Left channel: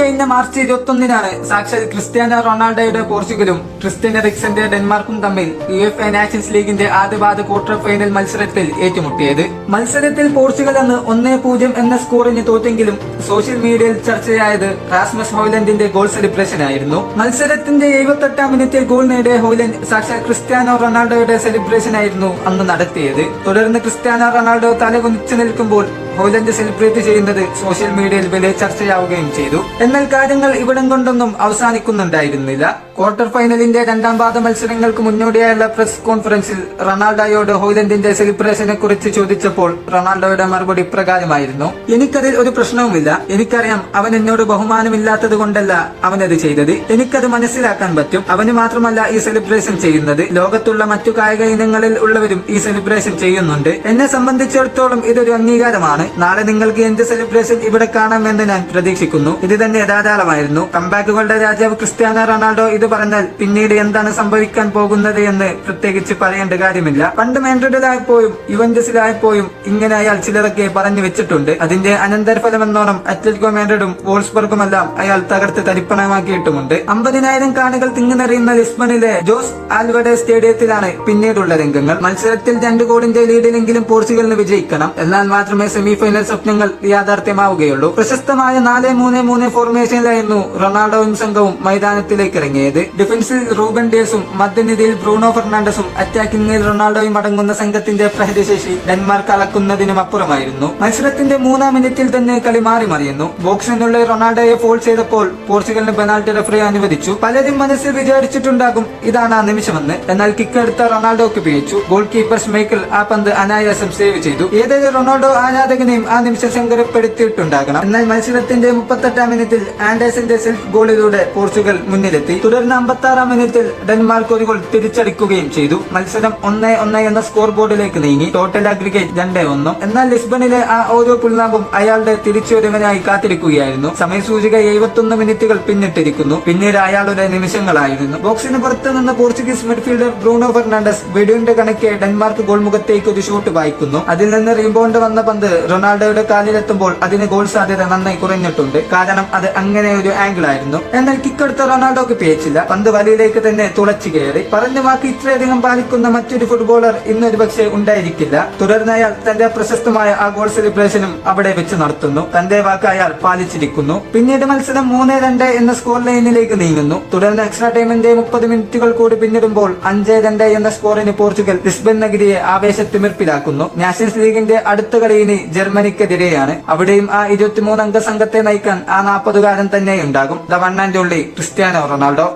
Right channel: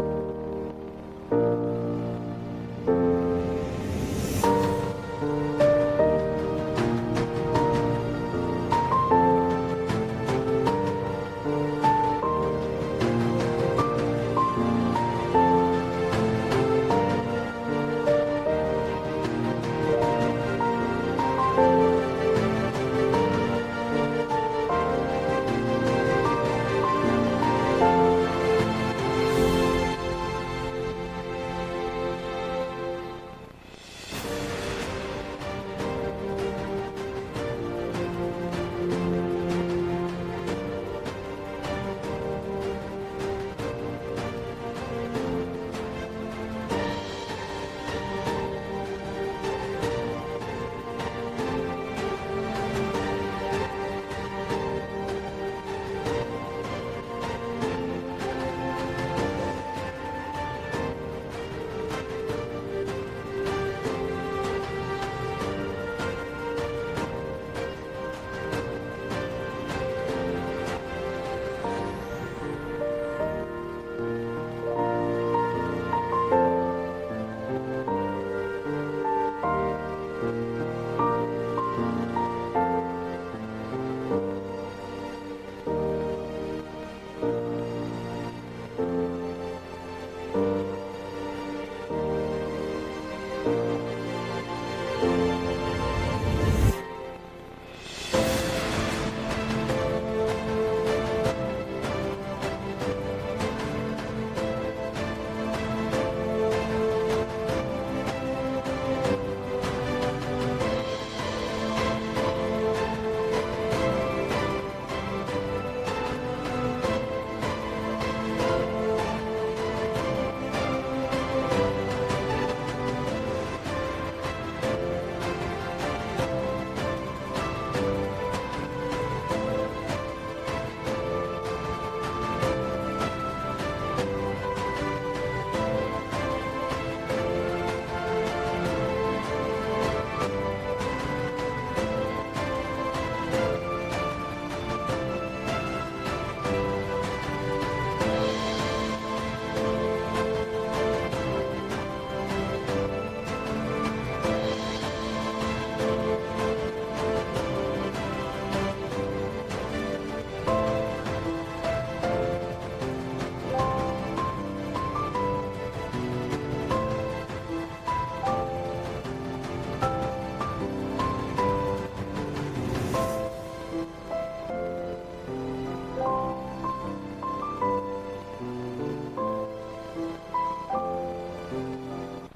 ഇക്കഴിഞ്ഞ മാർച്ച് 21-നാണ് സാക്ഷാൽ ക്രിസ്ത്യാനോ റൊണാൾഡോയുടെ പോർച്ചുഗലും ക്രിസ്റ്റ്യൻ എറിക്സന്റെ ഡെൻമാർക്കും തമ്മിൽ UEFA നാഷൻസ് ലീഗിന്റെ ആദ്യപാദ ക്വാർട്ടർ ഫൈനൽ മത്സരത്തിൽ ഏറ്റുമുട്ടിയത്. മത്സരത്തിൽ പോർച്ചുഗൽ അന്ന് 1-0 എന്ന സ്കോറിന് തോറ്റെങ്കിലും സോഷ്യൽ മീഡിയയിൽ ചർച്ചയായത് റാസ്മസ് ഹോയ്ലൻഡിന്റെ ഗോൾ സെലിബ്രേഷൻ ആയിരുന്നു. മത്സരത്തിന്റെ 78-ാം മിനിറ്റിൽ ഗോൾ നേടിയ ഹോയ്ലൻഡ് സാക്ഷാൽ ക്രിസ്ത്യാനോ റൊണാൾഡോയുടെ സെലിബ്രേഷൻ ആയിരുന്നു അന്ന് നടത്തിയത്. തുടർന്ന് ക്രിസ്ത്യാനോ റൊണാൾഡോ തലകുനിച്ചു നിൽക്കുമ്പോൾ ഹോയ്ലൻഡ് സെലിബ്രേറ്റ് ചെയ്യുന്നത് സോഷ്യൽ മീഡിയയിൽ വലിയ ചർച്ചയാവുകയും ചെയ്തു. എന്നാൽ കാര്യങ്ങൾ ഇവിടം കൊണ്ടൊന്നും അവസാനിക്കുന്നുണ്ടായിരുന്നില്ല. ക്വാർട്ടർ ഫൈനലിന്റെ രണ്ടാം പാദ മത്സരങ്ങൾക്ക് മുന്നോടിയായുള്ള പ്രസ് കോൺഫറൻസിൽ റൊണാൾഡോയോട് ഹോയ്ലൻഡിന്റെ സെലിബ്രേഷനെ കുറിച്ച് ചോദിച്ചപ്പോൾ റൊണാൾഡോയുടെ മറുപടി ഇപ്രകാരമായിരുന്നു: എനിക്കതിൽ ഒരു പ്രശ്നവുമില്ല. എനിക്കറിയാം അവൻ എന്നോട് ബഹുമാനമില്ലാത്തത് കൊണ്ടല്ല അവനത് ചെയ്തത്. എനിക്കത് മനസ്സിലാക്കാൻ പറ്റും. അവന് മാത്രമല്ല ഈ സെലിബ്രേഷൻ ചെയ്യുന്നത്, ലോകത്തുള്ള മറ്റു കായിക ഇനങ്ങളിൽ ഉള്ളവരും ഈ സെലിബ്രേഷൻ ചെയ്യുന്നുണ്ട്. എന്നെ സംബന്ധിച്ചിടത്തോളം ഇതൊരു അംഗീകാരമാണ്. നാളെ നിങ്ങൾക്ക് എന്റെ സെലിബ്രേഷൻ ഇവിടെ കാണാമെന്ന് ഞാൻ പ്രതീക്ഷിക്കുന്നു. ഇത് തന്നെ ധാരാളമായിരുന്നു. കംബാക്കുകളുടെ രാജാവ് ക്രിസ്ത്യാനോ റൊണാൾഡോ ഇത് പറഞ്ഞാൽ പിന്നീട് എന്താണ് സംഭവിക്കാൻ പോകുന്നത് എന്ന് പ്രത്യേകിച്ച് പറയേണ്ട കാര്യമില്ല. പണ്ട് മാഡ്രിഡിലായപ്പോഴും യുവന്റസിലായപ്പോഴും ഇങ്ങനെ അയാൾ ചിലരൊക്കെ പറഞ്ഞു വെച്ചിട്ടുണ്ട്. അതിന്റെ അനന്തരഫലമെന്നോണം അത്ലറ്റിക്കോ മാഡ്രിഡും വോൾസ്ബർഗുമെല്ലാം അയാൾ തകർത്ത് തരിപ്പണമാക്കിയിട്ടുമുണ്ട്. 50,000 കാണികൾ തിങ്ങിനിറയുന്ന ലിസ്ബണിലെ ജോസ് ആൽവഡെ സ്റ്റേഡിയത്തിലാണ് പിന്നീടുള്ള രംഗങ്ങൾ. മത്സരത്തിൽ 2 ഗോളിന്റെ ലീഡിലെങ്കിലും പോർച്ചുഗലിന് വിജയിക്കണം. എന്നാൽ മാത്രമേ സെമിഫൈനൽ സ്വപ്നങ്ങൾ യാഥാർത്ഥ്യമാവുകയുള്ളൂ. പ്രശസ്തമായ 4-3-3 ഫോർമേഷനിലായിരുന്നു റൊണാൾഡോയും സംഘവും മൈതാനത്തിലേക്ക് ഇറങ്ങിയത്. ഡിഫൻസിൽ റൂബൻ ഡിയാസും മധ്യനിരയിൽ ബ്രൂണോ ഫെർണാണ്ടസും അറ്റാക്കിംഗിൽ റൊണാൾഡോയും അടങ്ങുന്ന സംഘത്തിന്റെ പ്രഹരശേഷി ഡെൻമാർക്ക് അളക്കുന്നതിനും അപ്പുറമായിരുന്നു. മത്സരത്തിന്റെ 3-ാം മിനിറ്റിൽ തന്നെ കളി മാറി മറിയുന്നു. ബോക്സിനുള്ളിൽ റൊണാൾഡോയെ ഫോൾ ചെയ്തപ്പോൾ പോർച്ചുഗലിന് പെനാൽറ്റി റഫറി അനുവദിച്ചു. പലരും മനസ്സിൽ വിചാരിച്ചിട്ടുണ്ടാകും ഇതാണ് ആ നിമിഷമെന്ന്. എന്നാൽ കിക്കെടുത്ത റൊണാൾഡോക്ക് പിഴച്ചു. ഗോൾ കീപ്പർ സ്മൈക്കിൾ ആ പന്ത് അനായാസം സേവ് ചെയ്തു. ഏതൊരു റൊണാൾഡോ ആരാധകനെയും ആ നിമിഷം സങ്കടപ്പെടുത്തിയിട്ടുണ്ടാകണം. എന്നാൽ മത്സരത്തിന്റെ 38-ാം മിനിറ്റിൽ ആൻഡേഴ്സന്റെ സെൽഫ് ഗോളിലൂടെ പോർച്ചുഗൽ മുന്നിലെത്തി. തുടർന്ന് 56-ാം മിനിറ്റിൽ ഡെൻമാർക്ക് ഒരു ഗോൾ തിരിച്ചടിക്കുകയും ചെയ്തു. മത്സരം 1-1 എന്ന സ്കോർ ബോർഡിലേക്ക് നീങ്ങി. Total aggregate 2-1. എന്നാൽ ലിസ്ബണിലെ ആ ഓരോ പുൽനാമ്പും അയാളുടെ തിരിച്ചുവരവിനായി കാത്തിരിക്കുകയായിരുന്നു. സമയസൂചിക 71 മിനിറ്റുകൾ പിന്നിട്ടിരിക്കുന്നു. പിന്നീട് അയാളുടെ നിമിഷങ്ങളായിരുന്നു. ബോക്സിന് പുറത്തു നിന്ന് പോർച്ചുഗീസ് മിഡ്ഫീൽഡർ ബ്രൂണോ ഫെർണാണ്ടസ് വെടിയുടെ കണക്കെ ഡെൻമാർക്ക് ഗോൾ മുഖത്തേക്ക് ഒരു ഷോട്ട് വായിക്കുന്നു. അതിൽ നിന്ന് റീബൗണ്ട് വന്ന പന്ത് റൊണാൾഡോയുടെ കാലിലെത്തുമ്പോൾ അതിന് ഗോൾ സാധ്യത നന്നായി കുറഞ്ഞിട്ടുണ്ട്. കാരണം അത് അങ്ങനെ ഒരു ആംഗിൾ ആയിരുന്നു. എന്നാൽ കിക്കെടുത്ത റൊണാൾഡോക്ക് പേച്ചില്ല. പന്ത് വലയിലേക്ക് തന്നെ തുളച്ചു കയറി. പറഞ്ഞ വാക്ക് ഇത്രയധികം പാലിക്കുന്ന മറ്റൊരു ഫുട്ബോളർ ഇന്നൊരു പക്ഷേ ഉണ്ടായിരിക്കില്ല. തുടർന്ന് അയാൾ തന്റെ പ്രശസ്തമായ ആ ഗോൾ സെലിബ്രേഷനും അവിടെ വെച്ച് നടത്തുന്നു. തന്റെ വാക്ക് അയാൾ പാലിച്ചിരിക്കുന്നു. പിന്നീട് മത്സരം 3-2 എന്ന സ്കോർ ലൈനിലേക്ക് നീങ്ങുന്നു. തുടർന്ന് എക്സ്ട്രാ ടൈമിന്റെ 30 മിനിറ്റുകൾ കൂടി പിന്നിടുമ്പോൾ 5-2 എന്ന സ്കോറിന് പോർച്ചുഗൽ ലിസ്ബൺ നഗരിയെ ആവേശത്തിമിർപ്പിലാക്കുന്നു. നാഷൻസ് ലീഗിന്റെ അടുത്ത കളി ഇനി ജർമ്മനിക്കെതിരെയാണ്. അവിടെയും ആ 23 അംഗ സംഘത്തെ നയിക്കാൻ ആ 40-കാരൻ തന്നെ ഉണ്ടാകും. The one and only Cristiano Ronaldo.